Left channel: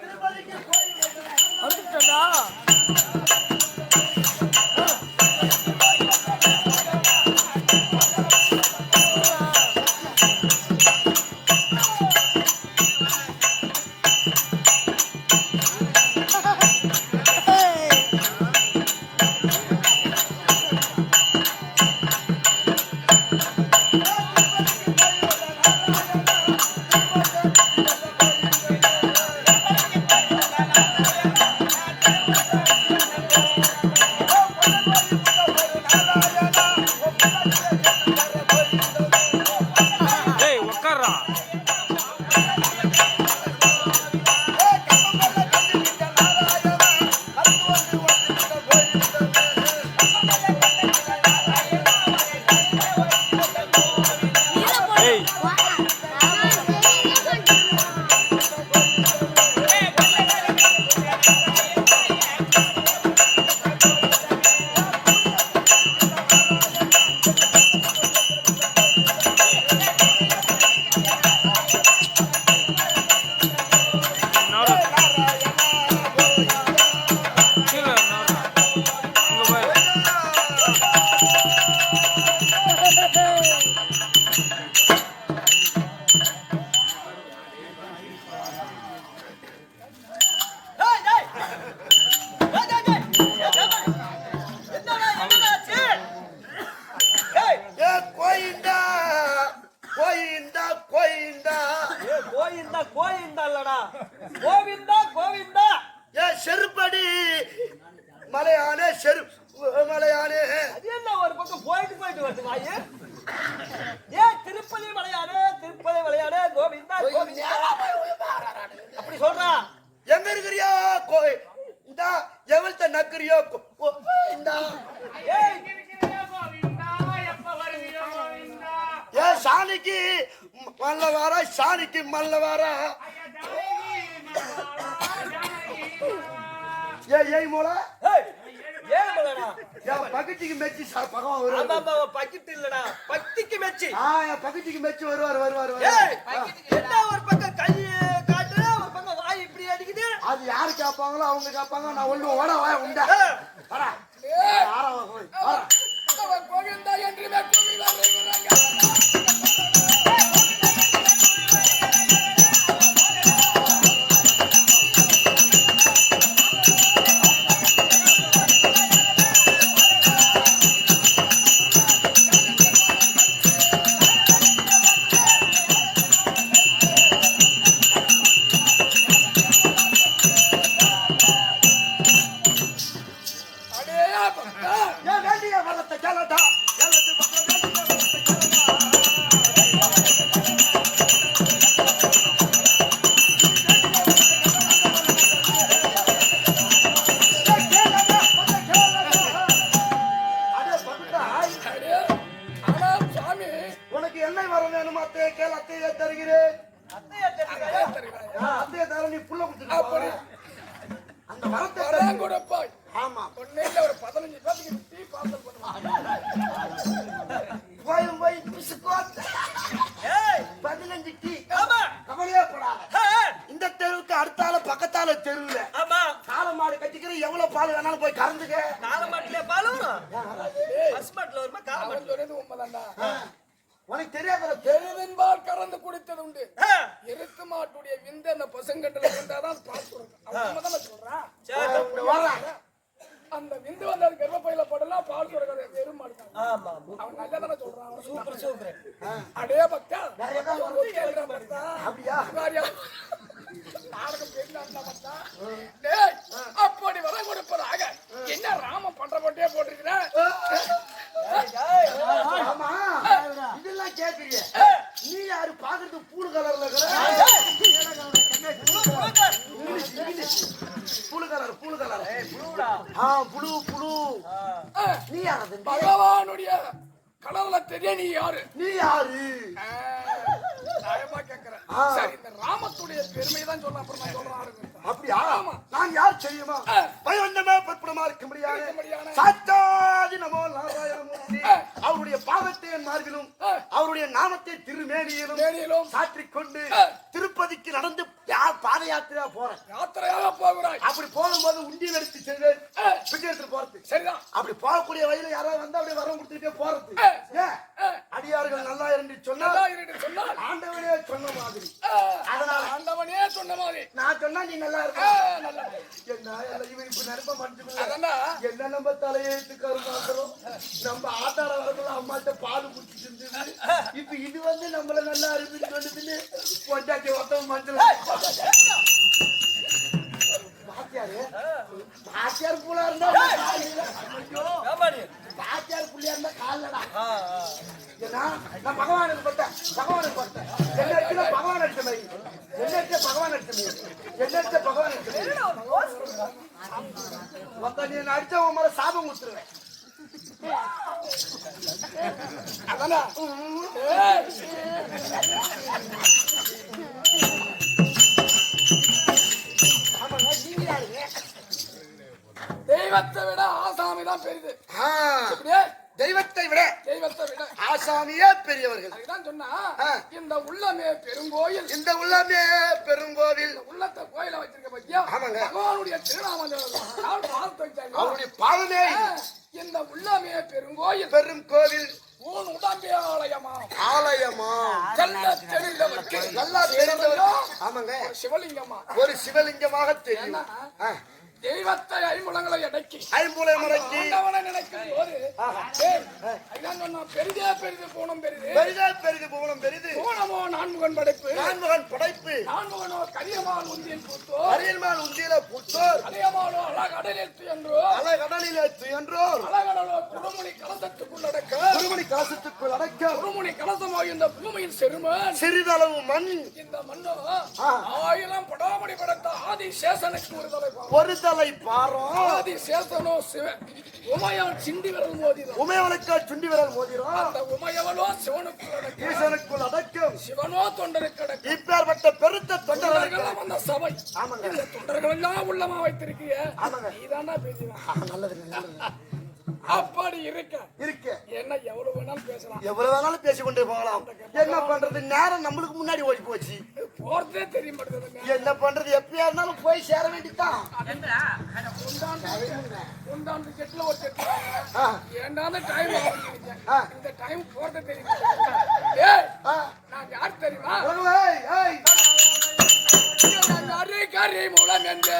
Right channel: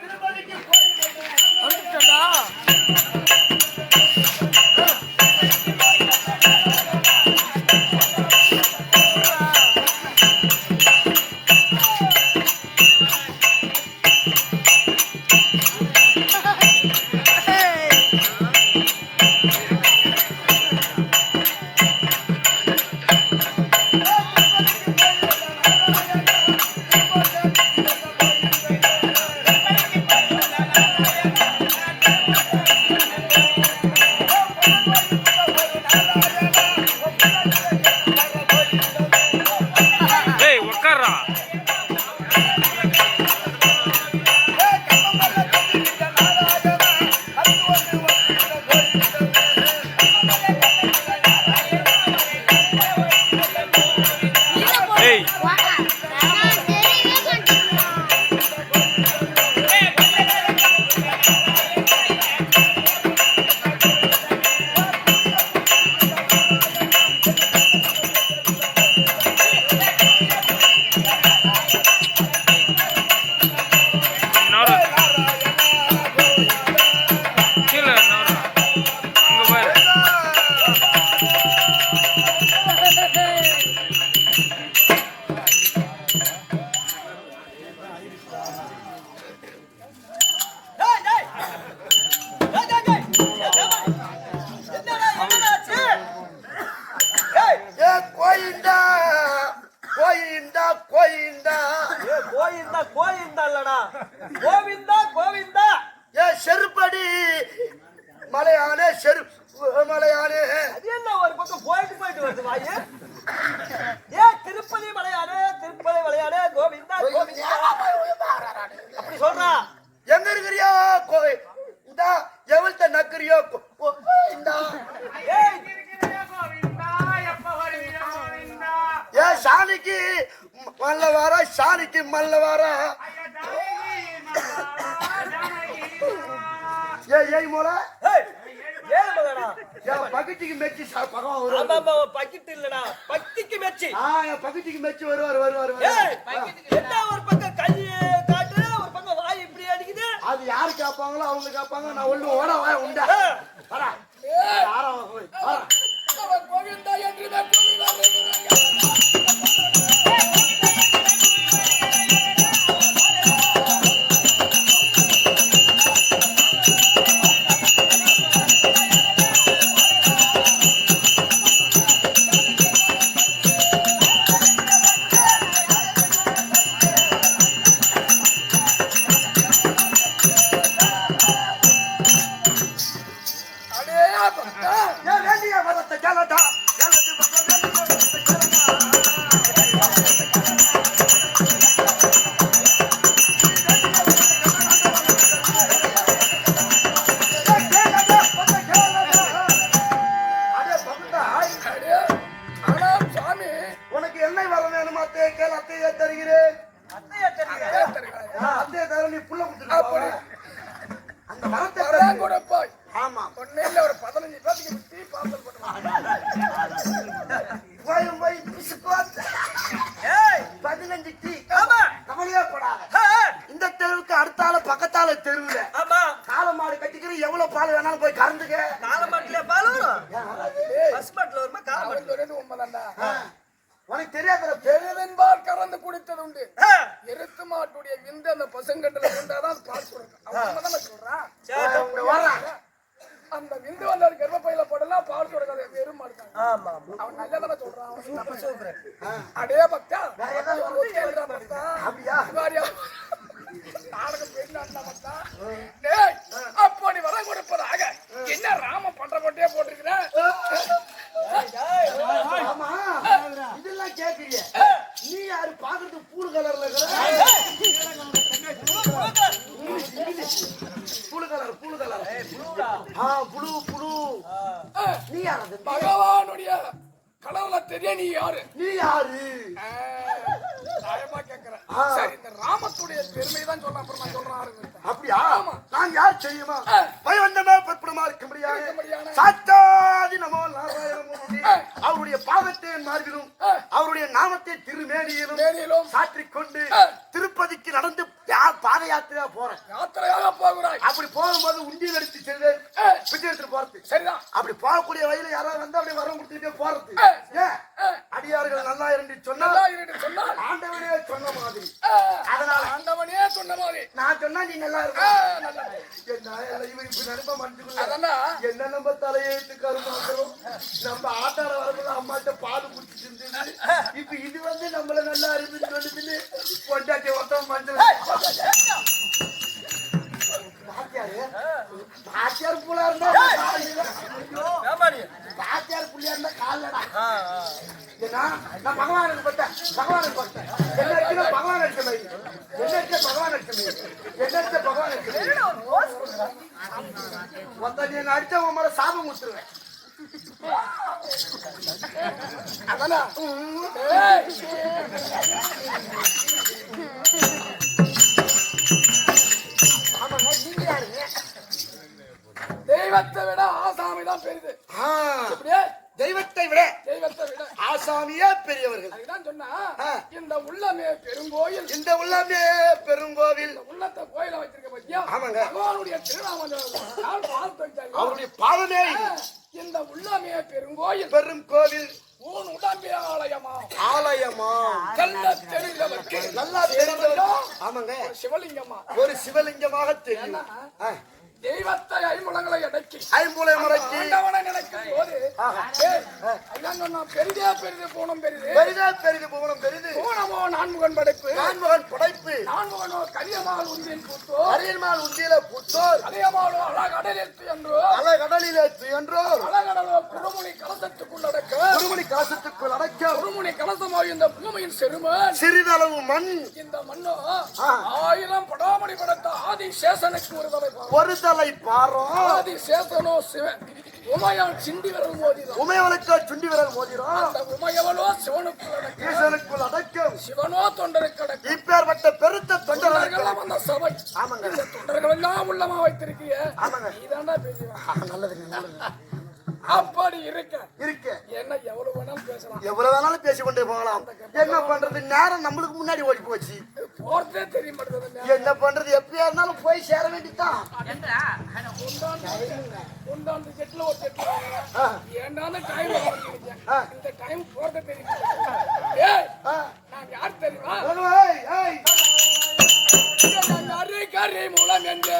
திருப்பதிக்கு போய் போய் கோயிந்தா கோயிந்தா கோயிந்தா. ஏய், கோவிந்தா கோவிந்தா இல்லடா. கோவிந்தா கோவிந்தா. ஏ செருப்படி. மலையானே செரு மலையானே அது என்ன ஒரு பக்கம் போயிட்டு போயிட்டு வருது வாயு? ஏ திருப்பதி மலையானே திருப்பதி மலையானே கோவிந்தா கோவிந்தா. அப்படி சொல்றா. எங்க இருக்கிறியோ கோய் இந்த எவள்கிட்ட நக்கிறியோ கோயிந்தா ஏய் ஏ சாணிக்கு மல்ல வாரா சாணிக்கு மல்ல வாரா. ஏ ஏய் மோல பக்கத்துக்கு மெச்சி வருவார். ஆமா பக்கிட்டு இல்லடா. பக்திக்கு மெச்சி. ஆ என் பக்கத்துக்கு மெச்சி வருவார் வருவார் என்ன ஒரு பக்கம் கை காட்டு ஒரு பக்கம் வாய் இப்படி அடிக்குது? அது யாரு கேட்பாங்களோ அவங்க கேட்பாங்க நான் ஒண்ணு ஓட வாய உண்டா. வரா ஆறா போய் வரா கோவிந்தா என்று ஆமா ஆமா. அவன் நல்லதானே சொல்றான் சூப்பர் சூப்பர் அடே பக்தா கேளுடா பக்தா அப்படியா வாரியா? நாடகம் பேசினான்டா பக்தா டேய் அப்படி வர கொடுப்பதாக என்ன ராம பண்ற போட்டே போட்டிருக்கிற ஆமா இதெல்லாம் கேக்குறிய நீ யாரு பாக்குறது பூடு கலர்ல இருக்கிற English English blue colour blue colour புழுடா. ஆ புழு புழு நீ யாரது பகவானுடைய கடவுள தெரிய நீ யாரு நீ யாரு ஆ, நியாயமா கேக்குறேன் ஆ. சரி இந்த ராமத்துடைய பெருமை தான் சொல்ல அப்புறம் நான் சொல்றேன் ஆரம்பித்தேன் அப்படியா நான் யார் செய்யுமா பயவந்தமே பற்புடமா இருக்க முடியாது முடியாது. சாத்தாதி நமோ நாராயணமூர்த்தி அவருடைய பாதத்தை என் மார்பிலும் அவருடைய நாமத்தை திருமேனியிலும் மேனியிலும் சாற்றிக் கொண்டு திருப்பதிக்கு நடந்து பாத யாத்திரையா போறேன். யாத்திரையாக போகிறாய். அப்படி போகும்போது உண்டியல் எடுத்து செல்வேன். பிச்சை எடுத்துட்டு போறது சரிதான். அப்படி போகக்கூடிய வழியில யாராவது வந்தா அப்படியே வரம் கொடுத்துட்டே போறது அடியார்கள் நல்லா இருந்து சொன்னா இருந்து ஆண்டவனே சொன்ன மாதிரி. அதனால ஆண்டவனே சொன்ன மாதிரி. நான் சொன்னா நீ நல்லா இருக்க. என்ன இவன் இப்படி நினைப்ப அதான்டா. என்ன நம்ம தலையெழுத்துக்காரு மாத்திரம் நம்ம ஆட்டாட வரக்குள்ள அம்மாட்ட பால் குடிச்சிட்டு இருந்தது இப்ப இது வந்து நம்மள நல்லா அருமைன்னு சொல்லுதுன்னு பொண்டாட்டி ஒருத்தவன் மஞ்சள் பாத்தியாரு பாத்தியார் புள்ளா இருந்தா? பாத்தியார் புள்ளியா இருந்தா காலடா. ஏன்னா நான் பகவானுக்கு பட்டேன் பகவானுக்கு பட்டேன். என்ன இருக்குன்னா பகவான் அடிச்ச மாதிரி. என்ன இருக்க பகவான் அடிச்ச மாதிரி. என்ன இருக்க பகவான் அடிச்ச மாதிரி? மொத்த நீ அடிச்சா உன் மேல சாபம் கொடுத்துருவேன் அதானா தெய்வத்தை விட ஆசாமி தான் பெரிது அப்படியே தெய்வத்தை விட தெய்வத்தை விட ஆசாமியே பெரியவர்கள். அதுதான் சொன்னா. இந்த உள்ளமே பெருங்கோயில். இந்த உள்ளமே பெருங்கோவில். உள்ளத்தை கோயில வச்சிருக்க பத்தியா? ஆமாங்க. பகவானுடைய திருநாமம். அவருடைய பாதமே. இந்த உள்ளமே பெருங்கோயில். பெரும் கோவில். ஊன் உடம்பே ஆலயமா? ஆலயமா? நல்ல தெரிந்தவர்க்கு. நல்லா தெரிந்தவர். ஆமாங்க. சிவலிங்கமா? ஒரு சிவலிங்கமாக தெரியும். தெய்வத்தை ஐம்புலங்களை அடக்கி ஐம்புலை முறைக்கு ஆண்டவனை நினைக்கும் போது அதான் சொன்னா, பெரிதே பெரிது போனம் பெரிது. பெரிதா பெரிது புவனம் பெரிது. போனமோ நான்முகன் படைப்பு. நான்மகன் படைப்பு. நான்முகனோ கரியமான் உந்தியின் பூத்தோ. அரியன்மால் உந்தியில புத்தோர் கரியமானோ அழகடலிற்கு என்றோ. அலை கடலிலே துயன்றோர் அழகடலோ குருமுனி கலசத்துக்குள்ளடக்க குருமணி கலசத்துக்குள் அடக்க குருமுனி கலசமாய் இந்த பூமியின் செருமன் சிறிதளவு மண். இந்த மண்ணோ ஆயிரம் படாமணி படைத்த ஆதி சேசனுக்கு ஒரு தலை. ஒரு ஆதி சேசனோ சிவன் உமையான் சிண்டி விரல் மோதிதான் உமையவனுக்கு சுண்டி விரல் மோதிரம் அந்த உமையவளோ சிவனுக்கு அடக்க ஈசனுக்குள் அடக்கம். சிவனோ தொண்டருக்கு அடக்க இப்பேற்பட்ட பெருத்த தொண்டர்களெல்லாம் அந்த சபை. ஆமாங்க. இந்த தொண்டர்கள் எல்லாம் உள்ளமா வைத்திருக்கிய? ஆமாங்க. நீதான்டா பேசுவேன் நல்லதுங்க நல்லது அப்படி இருக்க. இருக்கு. என்ன எவ்வளவு வேணாலும் பேசலாம் எவ்வளவு வேணாலும் பேசி கொண்டே போகலாம் என்ன பண்றது நேரம் நம்மளுக்கு முன்னாடி ஓடி போச்சு போறதே தெரிய மாட்டேங்குது என்ன பண்றது எப்பயா இருந்தாலும் போய் சேர வேண்டியதுதான் உண்டாந்து ஜெட்ல ஒரு ஆ. ஏண்டான டைம். இந்த டைம் போறதே தெரியும் ஏய் ஆ. நான் யார் தெரியுமா ஏய், ஏய். நான் கரி கரி மூலம் என்று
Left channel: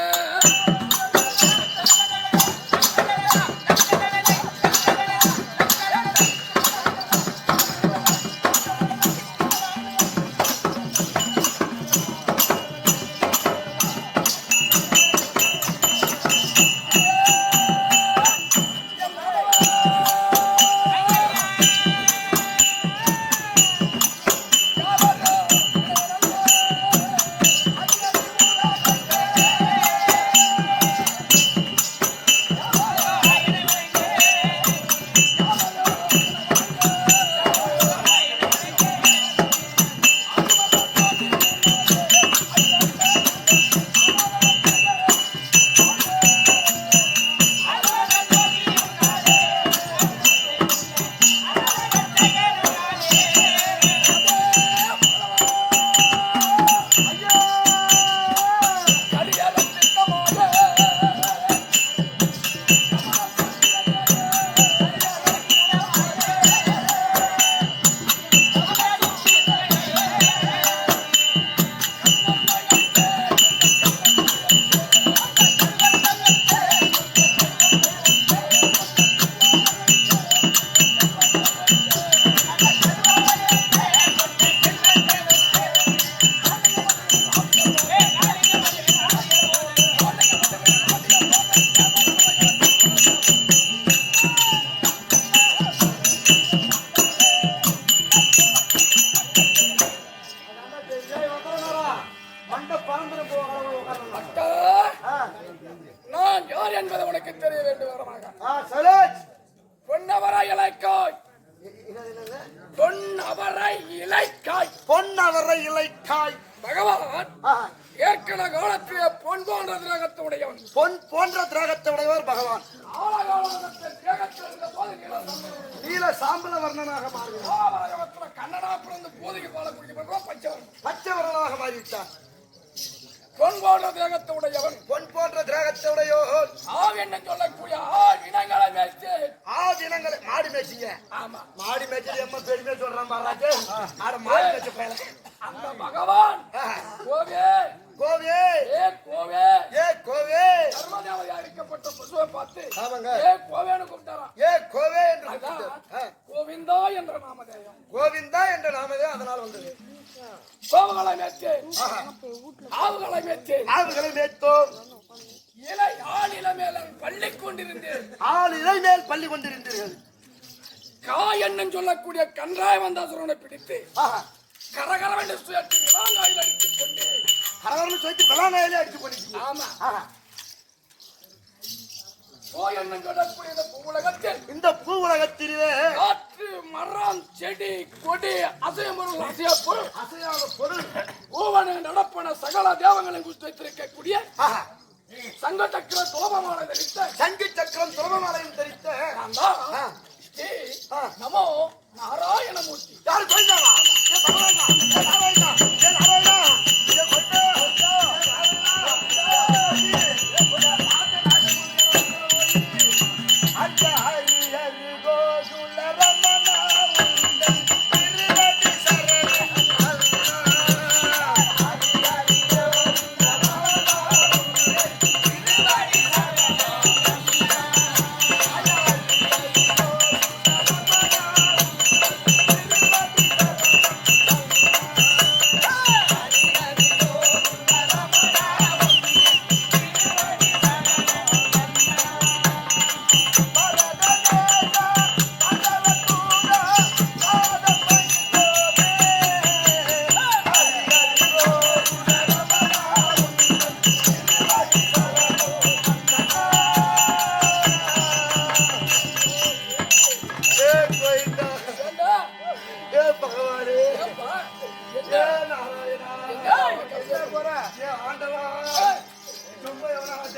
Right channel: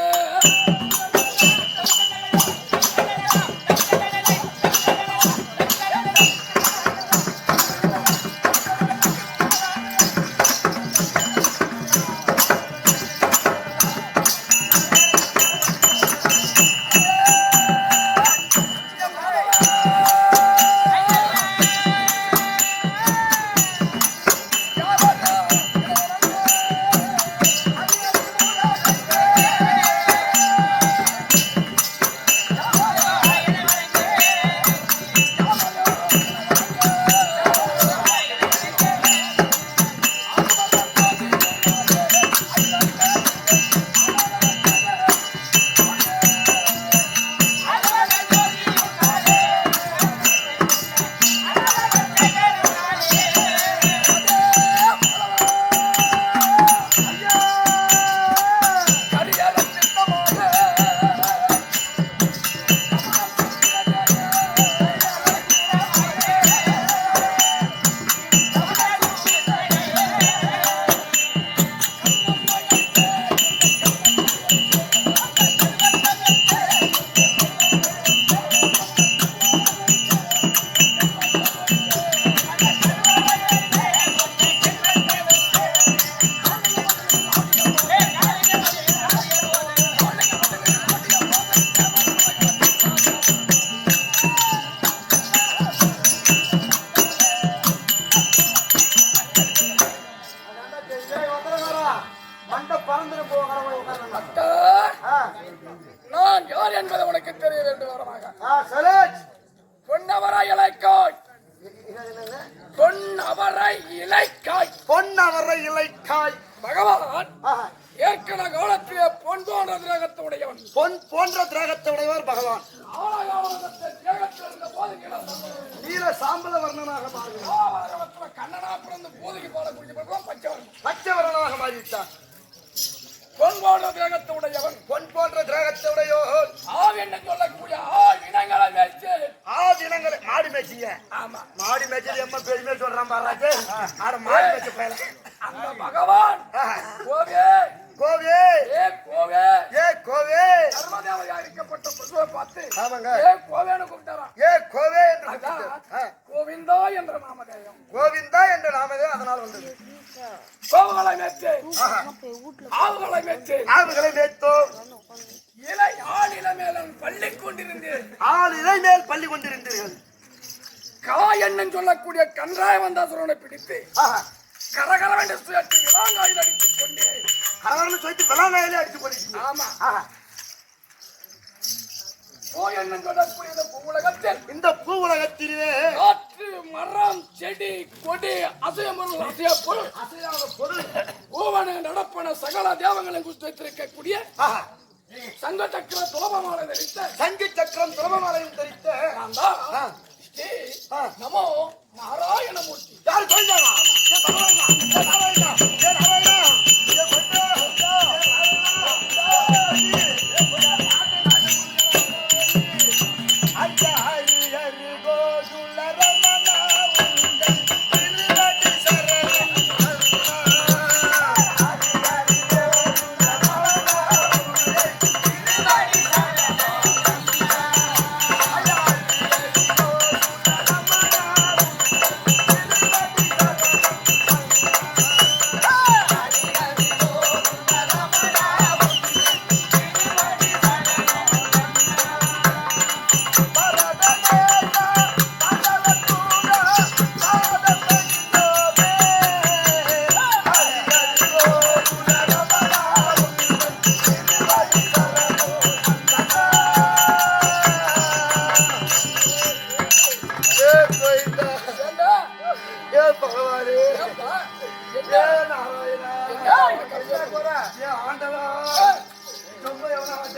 நீல சாம்பல வர்ணனாக மாறுகிறார். கண்ணனா பிறந்து போதைக்கு பால குடிக்கப்பட்டவன் பச்சவன் பச்சை வர்ணனாக மாறிவிட்டார். பொன் போன்ற திரகத்தை உடையவன். பொன் போன்ற திராகத்தை உடையோர். ஆவ் என்ன சொல்லக்கூடிய ஆ இனங்களை மேய்த்து. ஆதினங்களை மாடி மேய்ச்சிங்க. ஆமா. மாடி மேய்ச்சல் எம்ம பெருமை சொல்றான் பாராட்டு ஆட மாடி மேய்ச்ச பயல. அந்த பகவான் கோவே கோவே. ஏ கோவே. ஏ கோவே. சர்வதேவதையா இருக்கப்பட்ட பசுவை பார்த்து ஆமாங்க. ஏ கோவேன்னு கூப்பிட்டாராம். ஏ கோவே என்று கோவிந்தா என்ற நாமதேயம். கோவிந்தா என்ற நாமதே அதனால் வந்தது. கோவுகளை மேய்த்து. ஆவுகளை மேய்த்து ஆவுகளை மேய்த்தோம் இலை ஆளில மேலன் பள்ளி கொண்டிருந்தேன். ஆள் இலை மேல் பள்ளி கொண்டிருந்தீர்கள். கா என்னும் சொல்லக்கூடிய கன்றாய வந்தாசுரனை பிடித்து. கரகரவென்று சுயற்றி இளாங்காயில் அடித்துக் கொண்டு கலவரன்னு சொல்லிட்டு விளாங்காயிலே அடிச்சு பண்ணிட்டீங்க ஆமா. இந்த பூ உலகத்திலே காற்று மரம் செடி கொடி அசையமருள் அசையப்பொருள் அசையாத பொருள். பூவன நடப்பன சகல தேவங்களை குறித்து வைத்திருக்கக்கூடிய. சங்க சக்கர துலபமான தரித்த சங்கு சக்கரம் துறவமலையும் தரித்த நான் தான். ஸ்ரீ. நமோ நாராயணமூர்த்தி. யார் கொண்டாவா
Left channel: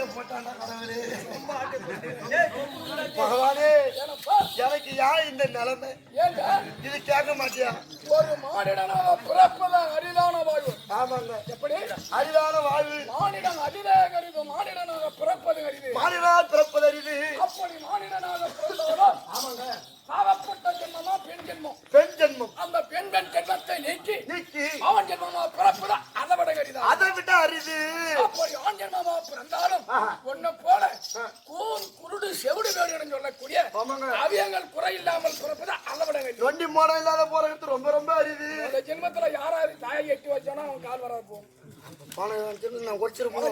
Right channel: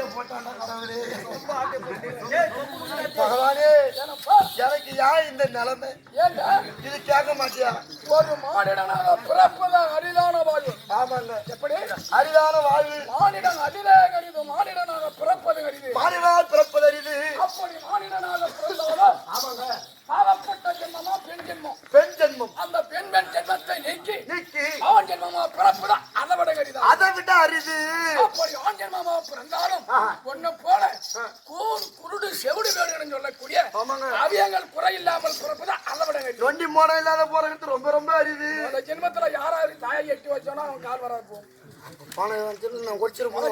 ஆட்டை கடவுளே. பகவானே? எனக்கு யார் இந்த நிலைமை? இது கேட்க மாட்டியா? ஒரு மானிடனாக பிறப்பதான் அரிதான வாழ்வு. ஆமாங்க. எப்படி? அரிதான வாழ்வு. மானிடன் அரிதே கருது மானிடனாக பிறப்பது அரிது மாநிலால் பிறப்பதறிது அப்படி மானிடனாக பிறந்தவர்கள் ஆமாங்க. பாவப்பட்ட ஜென்மமா பெண் ஜென்மம். பெண் ஜென்மம். அந்த பெண் பெண் ஜென்மத்தை நீக்கி நீக்கி ஆண் ஜென்மமா பிறப்புதான் அதை விட கரிதான் அதை விட அரிது. அப்படி ஆண் ஜென்மமா பிறந்தாலும். ஒண்ணு போல கூர் குருடு செவிடு வேடுன்னு சொல்லக்கூடிய ஆமாங்க. அவியங்கள் குறை இல்லாமல் பிறப்புதான் அதை விட கரிதான் நொண்டி மோடம் இல்லாத போறது ரொம்ப ரொம்ப அரிது. அந்த ஜென்மத்துல யாராரு தாயை எட்டி வச்சானோ அவன் கால் வராது போகும்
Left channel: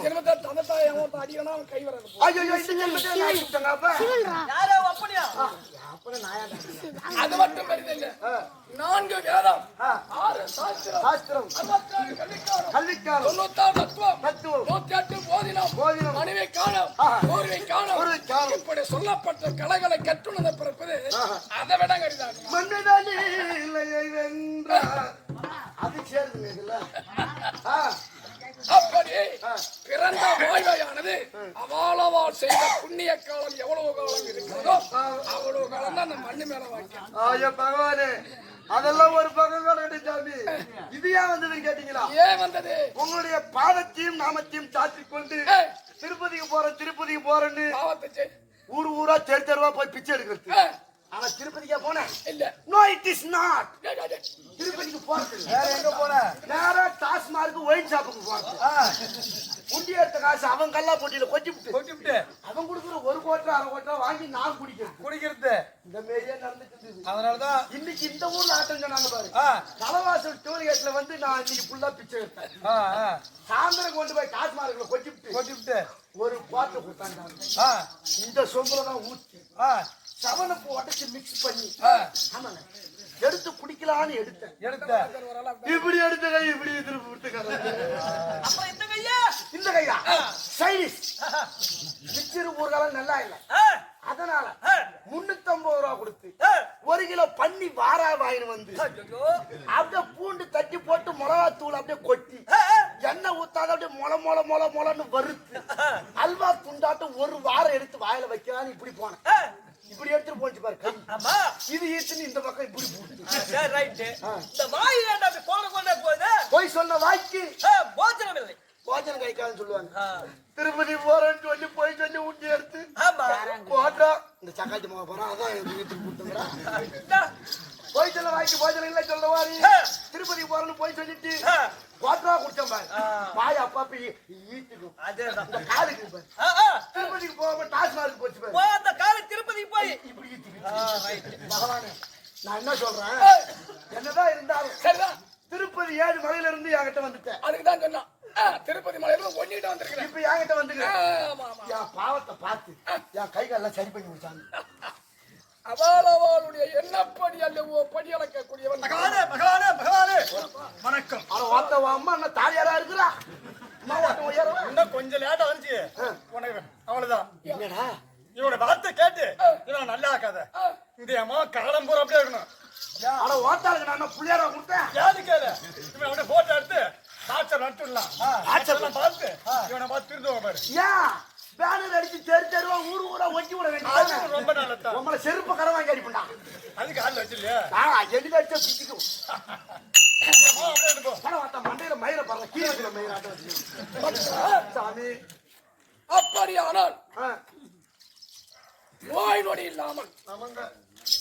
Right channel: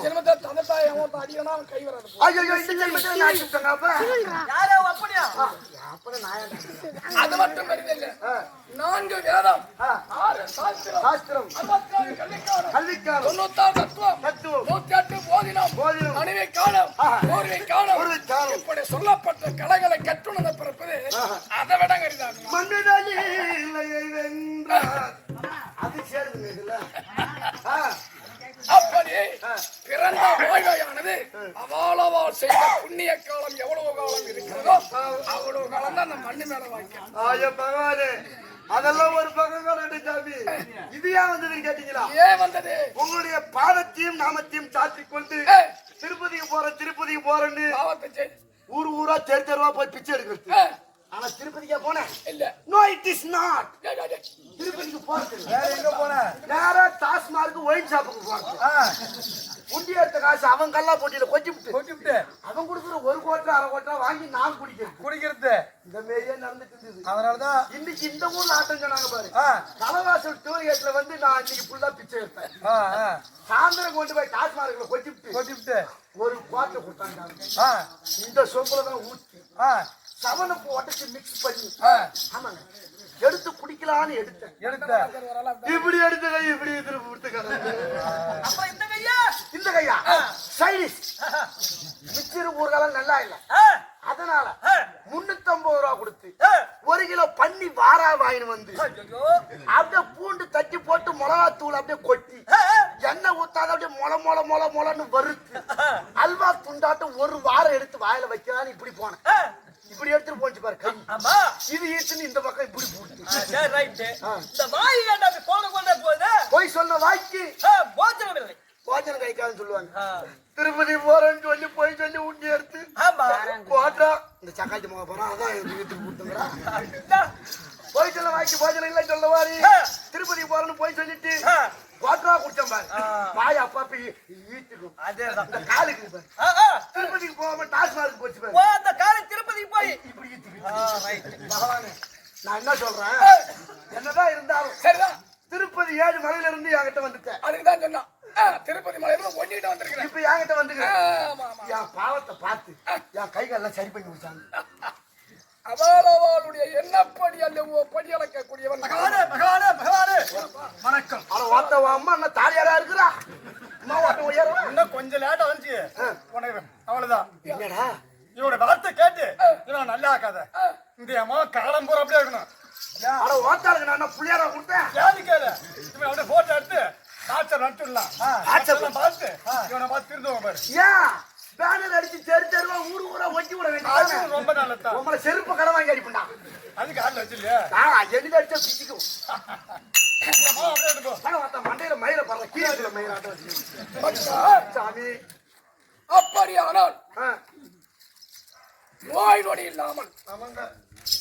ஜென்மத்தை தந்தை தாயை அவன் அடிக்கணும் அவன் கை வராது ஐயோ இந்த ஜென்மத்தில் நான் ஆக்கிவிட்டேங்க அப்ப. யாரோ அப்படியா? அது மட்டும் பெரிதில்லை நான்கு வேதம். ஆறு சாஸ்திரம். சாஸ்திரம். அறுபத்தாறு கல்விக்காரம் தொண்ணூத்தாறு தத்துவம். தத்துவம். நூத்தி எட்டு போதினம். போதினம். மனைவி காலம் ஆஹா. ஒருவை காலம் ஒருவை காலம். இப்படி சொல்லப்பட்ட கலைகளை கற்றுணர்ந்த பிறப்பது. அதை விட கரிதாகும் மண்ணிதழிலையை வென்றார். அது சேருங்க இதுல. ஆ, அப்படி பிறந்த வாழ்வையானது அவாளவாள் செய்த புண்ணிய காலம் எவ்வளவு காலம் இருக்கிறதோ அவ்வளவு காலம் தான் அந்த மண்ணு மேல பகவானே. அதெல்லாம் ஒரு பக்கம் கடந்து சாமி. இது ஏன் வந்ததுன்னு கேட்டீங்களா? ஏன் வந்தது? உங்களுடைய பாதத்தையும் நாமத்தையும் சாத்திக் கொண்டு திருப்பதிக்கு போறேன் திருப்பதிக்கு போறேன்னு. ஊர் ஊரா தெரு தெருவா போய் பிச்சை எடுக்கிறது. ஆனா திருப்பதிக்கா போனேன். இல்ல. No it is not. திருப்பதிக்கு போறது வேற எங்க போன? ஒயின் ஷாப்புக்கு குண்டி எடுத்த காசு அவன் கல்லா போட்டியில கொட்டி விட்டு கொட்டிவிட்டு. அவன் கொடுக்குற ஒரு கோட்டை அரை கோட்டை வாங்கி நான் குடிக்கிறது. குடிக்கிறது. இந்த மாரியே நடந்துட்டு இருந்தது அதனாலதான் இன்னைக்கு இந்த ஊர்ல ஆட்டம் சொன்னாங்க பாரு. தலைவாசல் டூரிகேட்ல வந்து நான் இன்னைக்கு ஃபுல்லா பிச்சை எடுத்தேன். சாயந்தரம் கொண்டு போய் டாஸ்மார்க்ல கொட்டி விட்டு கொட்டிவிட்டு. ஒரு கோட்டை கொடுத்தாங்க. இந்த சொம்புல தான் ஊத்தி ஆ, சவனப்பு உடச்சு மிக்ஸ் பண்ணி. ஆமாங்க. எடுத்து குடிக்கலான்னு எடுத்தேன். எடுத்த? இப்படி எடுத்த கை இப்படி திருப்பி அப்புறம் இந்த கையா? இந்த கையா? சைனீஸ் மிச்சர் ஊர்காலம் நல்லா இல்ல. அதனால ஆ, முன்னூத்தம்பது ரூபா கொடுத்து. ஒரு கிலோ பன்னி வாரா வாங்கின்னு வந்து. அப்படியே பூண்டு தட்டி போட்டு மிளகா தூள் அப்படியே கொட்டி எண்ணெய் ஊத்தாத அப்படியே மொள மொள மொள மொளன்னு வறுத்து அல்வா துண்டாட்டம் ஒரு வாரம் எடுத்து வாயில வைக்கலான்னு இப்படி போனேன். இப்படி எடுத்துட்டு போச்சு பாரு ஆமா இது ஈத்துன்னு இந்த பக்கம் இப்படி ரைட்டு. ஆ. இந்த வாய் ஏன்டா அப்படி கொண்டு கொண்டே போகுது? போய் சொன்ன வாய்க்கு போஜனம் இல்லை. போஜனம் கைக்கான்னு சொல்லுவாங்க திருப்பதி போறேன்னு சொல்லி போய் சொல்லி உண்டி எடுத்து ஆமா. போட்டா. இந்த சக்காச்சி மகா போறோம் அதான் வீட்டுக்கு கொடுத்துங்கிறா. போய் சொல்ல வாய்க்கு போஜனம் இல்ல சொல்ல வாரி. திருப்பதி போறேன்னு போய் சொல்லிட்டு குவாட்டரா குடிச்சேன் பாரு. வாய் அப்பப்ப ஈட்டுக்கும் அதேதான். காலுக்கு பாரு. திருப்பதிக்கு போகாம டாஸ்மார்க் போச்சு பாரு. அந்த காலை திருப்பதிக்கு போய். இப்படி. பகவானே நான் என்ன சொல்றேன்? என்னதான் இருந்தாலும் சரிதான். திருப்பதி ஏழு மலையில இருந்து என்கிட்ட வந்துட்டேன் அதுக்கு தான் சொன்னான். திருப்பதி மலையில ஒன்னிட்டு வந்திருக்கிறேன். இப்ப என்கிட்ட வந்துங்க ஆமா ஆமா. என் பாவத்தை பார்த்து என் கை காலெல்லாம் சரி பண்ணி விட்டாங்க அவாலவாளுடைய எண்ணப்படி அல்ல படி அளக்கக்கூடியவன் பகவானே, பகவானே, பகவானே. வணக்கம். அவன் உன் அம்மா என்ன தாலியாரா இருக்கிறா இன்னும் கொஞ்சம் லேட்டா வந்துச்சு. உனக்கு அவ்வளவுதான். என்னடா? இவனோட வார்த்தை கேட்டு இவன் நல்லா இருக்காத இந்த அம்மா காலம் பூரா அப்படியே இருக்கணும். அட ஓத்தாளுக்கு நான் என்ன புள்ளியாரா கொடுத்தேன்? யாரு கேளு? இவன் போட்டோ எடுத்து அனுப்பிடலாம் வாட்ஸ்அப் வாட்ஸ்அப் பார்த்து இவனை பார்த்து திருந்துவோம் பாரு. ஏன் பேனர் அடிச்சு தெரு தெருவா ஊரு ஊரா ஒட்டி விட அது வேண்டியது ரொம்ப நல்லதா உங்களை செருப்பு கடை வாங்கி அடிப்பண்டா அதுக்கு ஆள் வச்சிருக்கியா? எழுதி அடிச்சா பிச்சுக்கும். மண்டையில மயில படுற கீழே வச்சுக்கணும் சாமி. அப்படியானால் நோய் நொடி இல்லாமல்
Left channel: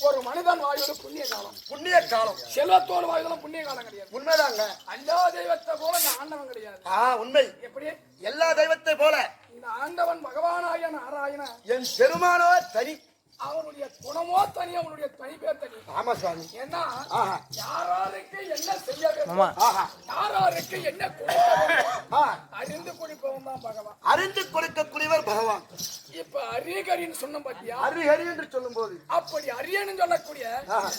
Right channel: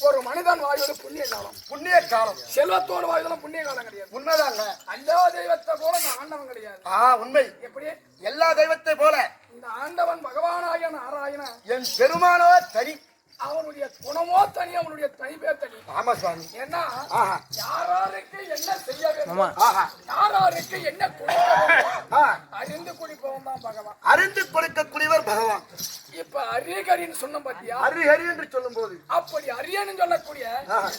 ஒரு மனிதன் வாயோடு புண்ணிய காலம். புண்ணிய காலம். செல்வத்தோடு வாழ்வதெல்லாம் புண்ணிய காலம் கிடையாது. உண்மைதாங்க. அல்லா தெய்வத்தை போல இந்த ஆண்டவன் கிடையாது. ஆ உண்மை. எப்படி? எல்லா தெய்வத்தை போல. இந்த ஆண்டவன் பகவானாய நாராயண என் பெருமானோ தனி அவனுடைய குணமோ தனி அவனுடைய தனிப்பே தனி. ஆமா சுவாமி. ஏன்னா யாராருக்கு என்ன செய்ய வேண்டும்? ஆஹா. யாராருக்கு என்ன கொடுக்க அறிந்து குடிப்பவன் தான் பகவான். அறிந்து கொடுக்கக்கூடியவர் பகவான். இப்ப அரியகரின்னு சொன்ன பாத்தியா? ஹரி என்று சொல்லும் போது அப்படி அரியன்னு சொல்லக்கூடிய.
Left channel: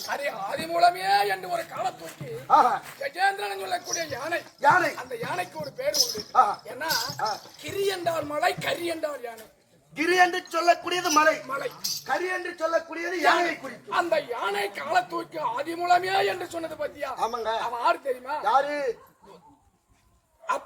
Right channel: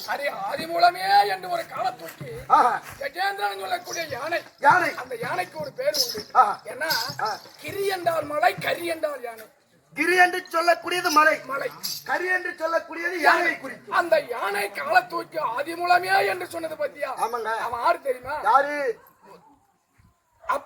அரிய ஆதி மூலமே என்று ஒரு காலத்தூக்கி ஆஹா. கஜேந்திரன் சொல்லக்கூடிய யானை. யானை. அந்த யானைக்கு ஒரு பேர் உண்டு. ஏன்னா. கிரி என்றால் மலை கரி என்றால் யானை. கிரி என்று சொல்லக்கூடியது மலை. மலை. கரி என்று சொல்லக்கூடியது யானை. குறிக்கும். அந்த யானை காலை தூக்கி ஆதி மூலமே என்று சொன்னது பத்தியா? ஆமாங்க. அவன் ஆறு தெரியுமா? யாரு?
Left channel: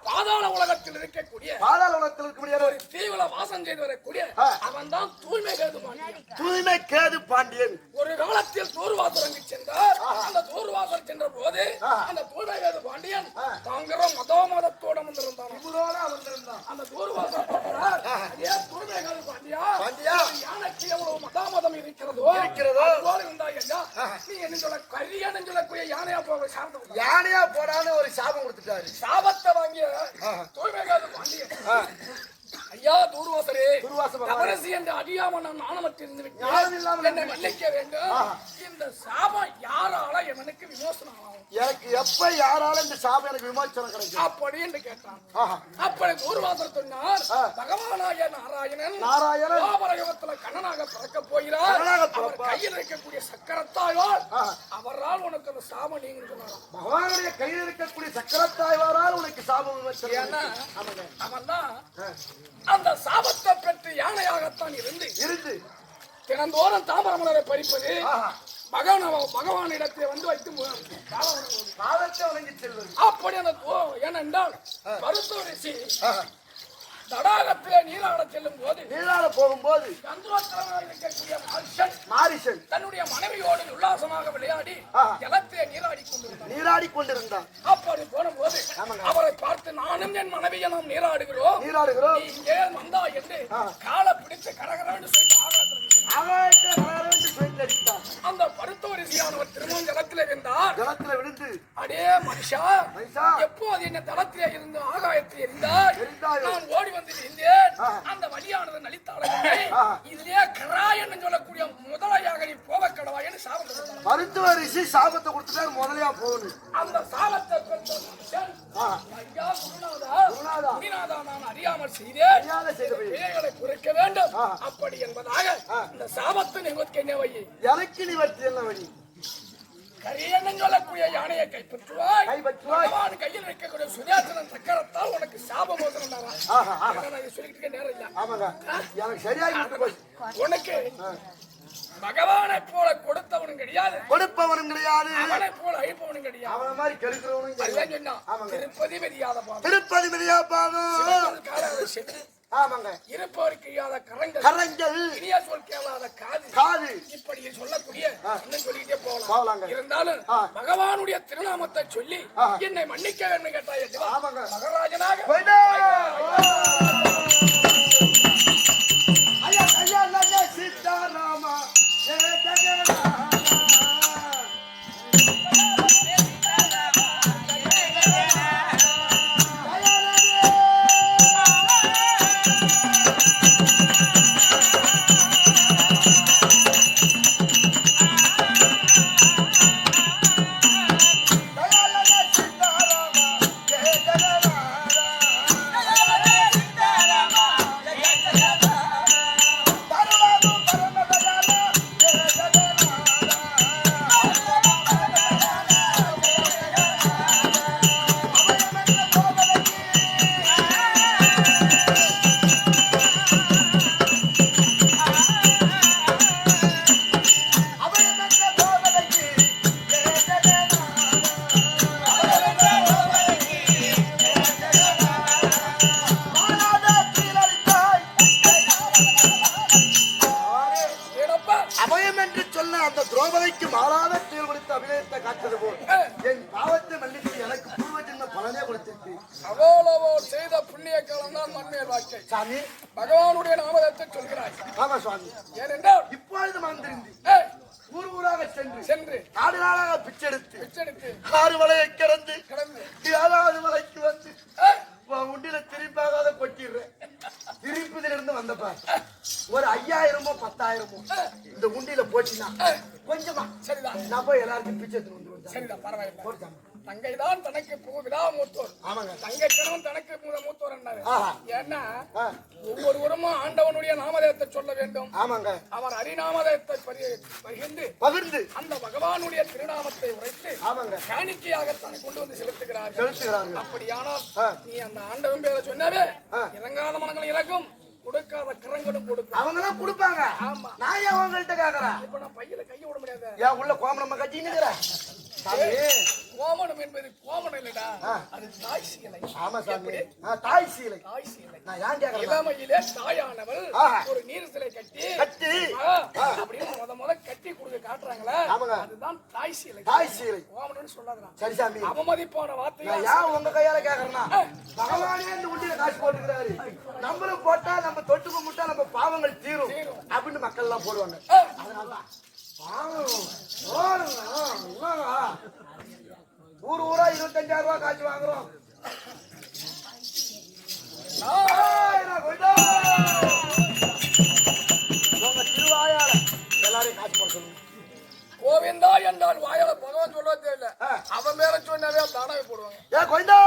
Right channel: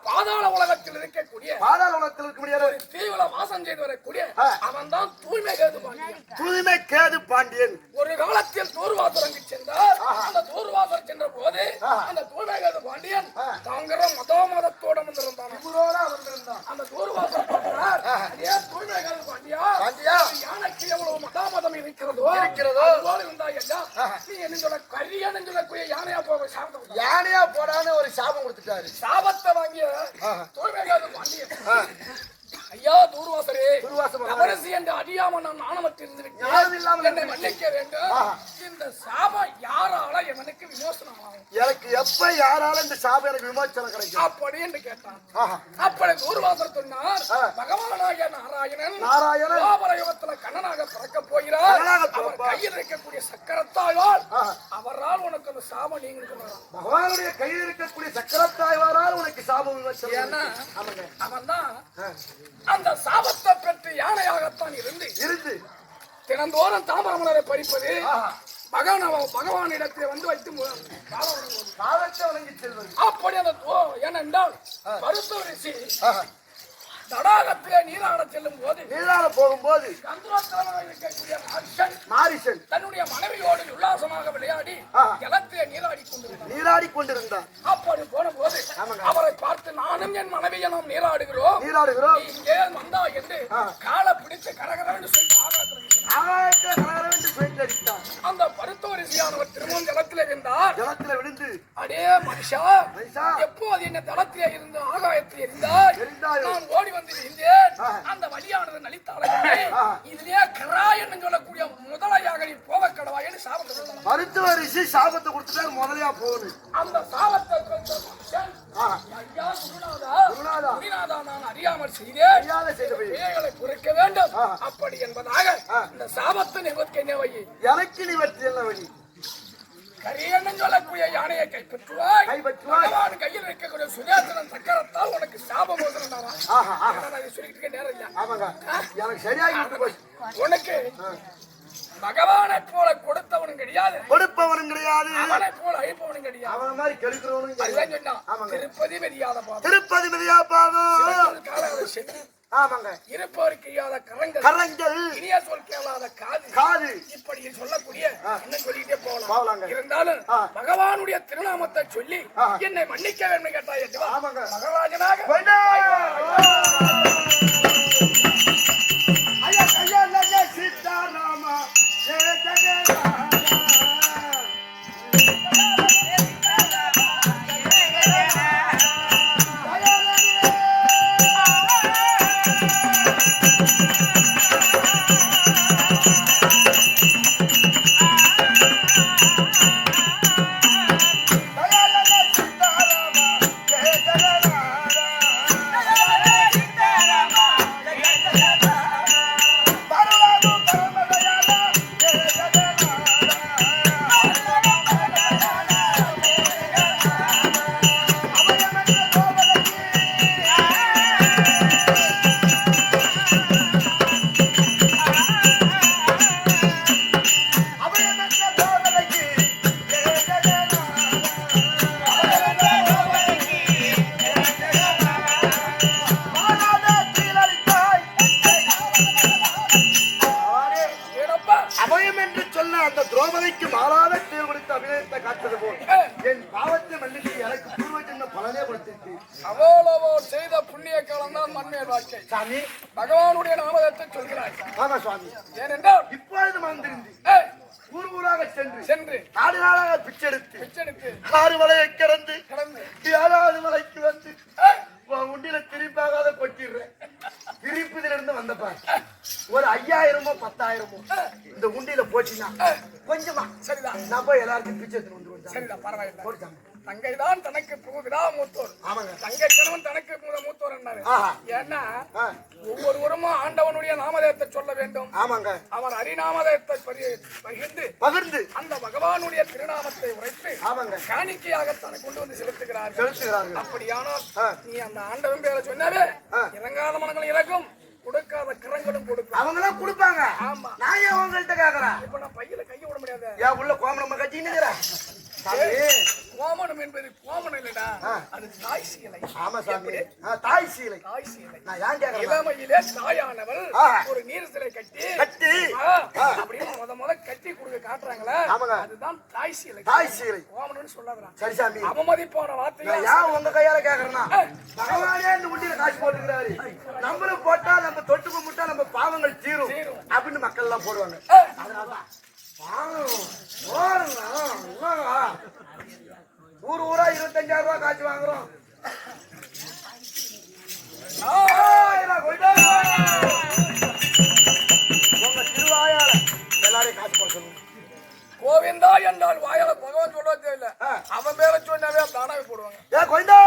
அப்பாதாள உலகத்தில் இருக்கக்கூடிய பாதாள உலகத்தில் இருக்கக்கூடிய ஒரு தீவிர வாசம் செய்து வரக்கூடிய. அவன் தான் தூய்மை கேது பாண்டியன். தூய்மை கேது பாண்டியன். ஒரு காலத்தில் தூர்வாசரங்கு சென்றார். அந்த தூர்வாசர் சென்ற போது. அந்த தூய்மை கேது பாண்டியன். தாங்கிற மதோ மதத்தோட வந்திருந்தான். இவரோட வந்திருந்தான். அந்த தூர்வாசர் பார்க்கிறார். அதே தூய்மை கேது பாண்டியா பாண்டியா. யானைக்கு எவ்வளவு மதாமதம் இருக்கிறதோ இருக்கிறதோ. அதுபோல இருந்தா ஐயா. நீ என்ன சொல்ல கரியன்னு சொல்லக்கூடிய யானையா போக சாப்பிட்டு யானையா போடான்னு ஒரு சாபம் கொடுத்துட்டாரு. சாபத்தை வாங்கிய தூய்மை கேது பாண்டியன் ஐயா தூர்வாசரே. தவறசி என்று அறியாம நான் நாணமற்றிருந்து மன்னிக்க வேண்டும். இந்த சாபம் யாரால எவனுக்கு விமோசனம் ஆகும் எனக்கு எப்ப யாரால இந்த சாபம் எனக்கு விமோச்சனம் கிடைக்கும் அப்படி என்று கேட்டான். அப்படி தூர்வாசர் சொன்னார். பகவானாய நாராயணன் நாராயணன் துவாபர யுகத்துல கண்ணனாக பிறக்க போகிறார் அவர். கையில் இருக்கக்கூடிய சக்கரத்தாயால். அவரால் உனக்கு அந்த சாபம் நீங்க பகவானுடைய கையில் இருக்கக்கூடிய சக்கரத்தாய்வாரால் உனக்கு சாபம் ஆமாங்க அவன் தான். அந்த சாபத்தை பெற்று யானையாகத்தான் இருந்து இருந்து தினந்தோறும் தாமரமலரை பறிப்பது. பகவான் பகவானிடத்தில் வந்து வைத்து அப்படி அந்த ஏனென்றால் மருத்துவ ரிஷி. தடாகத்திலே நீராட செல்லும் போது நீராட போகும்போது கந்தோத்தரமாக இருக்கக்கூடிய மனுஷன் மாரிசன் தன்னுடைய மனைவியோடு உல்லாசமாக விளையாடி. ஜலத்திலே நீராடி கொண்டிருந்தார் நீராடி கொண்டிருந்தான் அப்படி போன போது. அவரை பார்த்து நானும் என் மனைவியை நாம் நீராடுகிறோம் நீராடுகிறோம் இங்கே வந்தா என்று. காலை பிடித்து கரகரன்னு சொல்லி ஆகாயத்தில் வீசினார். அடித்தான் அந்த மருத்துவ ரிஷியானவர் திரும்பவும் ஜலத்திலே இருந்தார் ஜலத்துல விழுந்து அடே மனுஷா மனுஷா. எப்போது என்ன தளத்திலே இருந்து ஆகாயத்தில் இருந்தாய் எரிந்தாயோ. நான் ஓடி வந்து இருந்தேன். அந்த வழியானது நலித்தாளர்களே ஆ. இதுலயே கராயன்னு சொல்லக்கூடிய முதலையாக நீ போக சாபத்தை கொடுத்தார் மருத்துவ ரிஷி சாபத்தை கொடுத்துட்டா முதலையா போகணும் அந்த சாபத்தை அறியாமல் செய்தேன் குறைக்க வேண்டும். அப்படி என்பதாக. இந்த சாபத்தை நிவர்த்தி வை எனக்கு நிவர்த்தி என்ன வழி? கரியன்னு சொல்லக்கூடிய யானையை கைப்பற்றுவாய். பகவான் கையில் வைக்கக்கூடிய சுதேசனம் சக்கரத்தால் உனக்கு சாபம் மோசனடாரா ஆஹா ஆஹா. நான் இதை சொல்லிட்டு நேரம் இல்ல. ஆமாங்க. எனக்கு சரியாகி உனக்கு. பகவானை போல கொடுத்தவனும் கிடையாது. கொடுப்பவனும் கிடையாது. அவனை போல அழிப்பவனும் கிடையாது. அவன மாதிரி கெடுக்கிறவனும். திருப்பதி பாதம் திருப்பதி மிதியா பாதம் ஆமாங்க இருப்பவருக்கு இல்லாத கரங்கள் கரங்கள் இனிய சொல் கேளாத காது காது இப்படி சொல்லக்கூடிய என்ன சொல்லிட்டே போகலாங்க. போகலாம் இருந்தாலும் ஆ. பகவானுடைய திருநாமத்தை சொல்லி. என்னை மன்னிக்க வேண்டும் கேட்டாய். ஆமாங்க. மகராஜனாக நாமத்தை சொல்கிறாய். ஆமா சுவாமி. ஏனென்றால் இப்பொழுது மறந்திருந்து ஏய், ஊர் ஊராக சென்று சென்று நாடு நாளாக பிச்செடுத்து பிச்செடுத்து ஆறு மலையை கடந்து கிடந்து ஏழாவது மலைக்கு வந்து உண்டில திருப்பாகாத கொட்டிடுறேன் திருப்பதில இருந்து வந்தப்ப ஒரு ஐயாயிரமோ பத்தாயிரமோ இந்த உண்டியில போச்சுன்னா கொஞ்சமா சரிதான். நான் போய் எல்லாருக்கும் பிச்சை எடுத்துட்டு வந்து சரிதான் பரவாயில்லை. போட்டாங்க தங்கை தான் தனக்கு பு- விடா மூத்தோர். ஆமாங்க. தங்கை கணவன் தனக்கு முத மூத்தோர் என்னாரு ஆஹா. ஏன்னா ஒவ்வொருவரும் ஆண்டவனுடைய நாமதேயத்தை சொல்ல வேண்டும். ஆமாங்க. அவர் ஹரிநாமதேயத்தை பரி- பகிர்ந்து பகிர்ந்து. அந்த பகவானுடைய திருநாமத்தை உரைத்து ஆமாங்க. காணிக்கையாக தனக்கு கொண்டு வந்து செலுத்துகிறார்கள். செலுத்துகிறார்கள். அப்படியானால். நீ அந்த ஆண்டவன் பேரை சொன்னாவே. இறங்காத மனங்கள் இறக்கும். கொடுக்காத கிரங்களும் கொடுக்கும். அவங்க எல்லாம் கொடுப்பாங்க. ஆமா. நான் ஏன் உங்கள்கிட்ட கேக்குறேன்? இப்ப நான் பையில கைய விட முடியாது. ஏன் உள்ள கோமணம் கட்டின்னு கோமணம் என்பது கோமணம் இல்லடா. அது தாய் சீலை. ஆமா சாமி. தாய் சீலை. தாய் சீலை. நான் ஏன் கேக்குறேன்? இளமையிலே தாயானவள். ஒரு நீர் சிலை கட்டி கட்டி. அப்படின்னு முத முத கட்டி கொடுக்க காட்டுறாங்களே. அதுதான் தாய் சீலை. தாய் சீலை. கோமணம்னு சொல்லாதடா. சரி சாமி. அவமதிப்பான வார்த்தையா? நான் ஏன் உங்க கையால கேக்குறேன்னா பகவானே இந்த உண்டியில காசு போட்டுக்கிறாரு. நம்மளும் போட்டா நம்ம தொட்டு கும்பிட்டா நம்ம பாவங்கள் தீரும் அப்படின்னு மக்கள் எல்லாம் போடுவாங்க அதனாலதான் பாவம் போடுங்க? ஊர் ஊரா இருபத்தஞ்சாயிரம் ரூபாய் காசு வாங்குறோம். உங்க திருவாயால எல்லாரையும் காசு சொல்லுங்க. கோவிந்தா என்றால் வாயால பகவான் சொல்ல தெரியல ஆ. அவன் பேர சொன்னாவே தானாவே போடுவாங்க. ஏ கொண்டா